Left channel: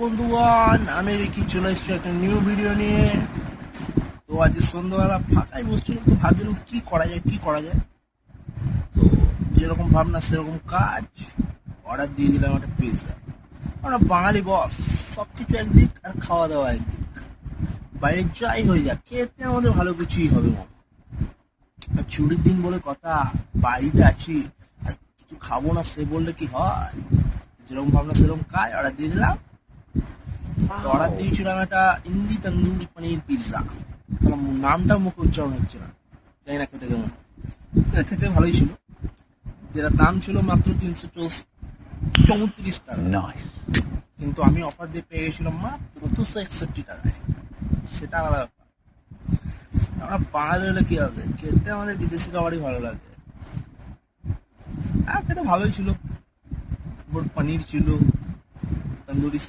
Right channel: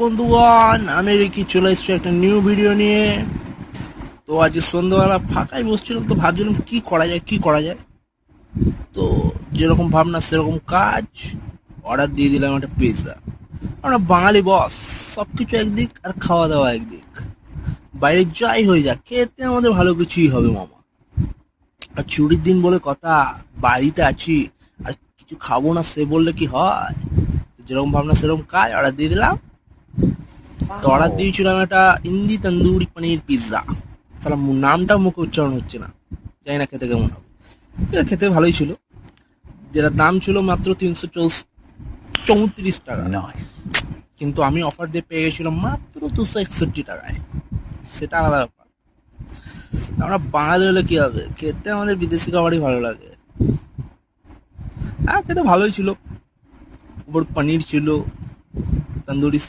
বন্ধুগণ, আমি কি চলে এসেছি একটা নিউ ভিডিও নিয়ে। তো আজ সন্ধ্যাবেলা ফাঁকাই বসছিলাম, তো ভাবছিলাম কি করা যায়। তো যেরকম ভাবনা সেরকম কাজ। অর্ডার দিয়ে দিলাম একটা পিৎজা। আমরা বাঙালি বস, সব কিছু একদিক আর খাওয়া দাওয়া একদিক। বাইরে যাই হয়ে যাক, খেতে আমাদের ভালো কিছুই হবে মামা। আর ছুটির দিন বলে কথা, বাড়িতে আছি আর কিছু খাবো না সে বললে কি হয়। যেরকম ভাবনা সেরকম কাজ, অর্ডার দিয়ে দিলাম। তো অর্ডার দিয়েছিলাম একটা ইন্দি তন্দুরি পনির পিৎজা। তাহলে নামটা মুখে উচ্চারণ হচ্ছে না, জানি না খেতে কেমন হবে। খেতে ভালোই ছিল। যেটা দাম ছিল মাত্র 334 টাকা, Nice. কিন্তু আমি অফার দিয়ে পেয়ে গেছিলাম মাত্র 261 টাকায়। সেটা আলাদা ব্যাপার। আমরা বাঙালি হলে কি হবে, খেতে আমাদের বিদেশি খাবারই ভালো লাগে। আর খেতে ভালোই ছিল। উপর পনির ছিল, তন্দুরি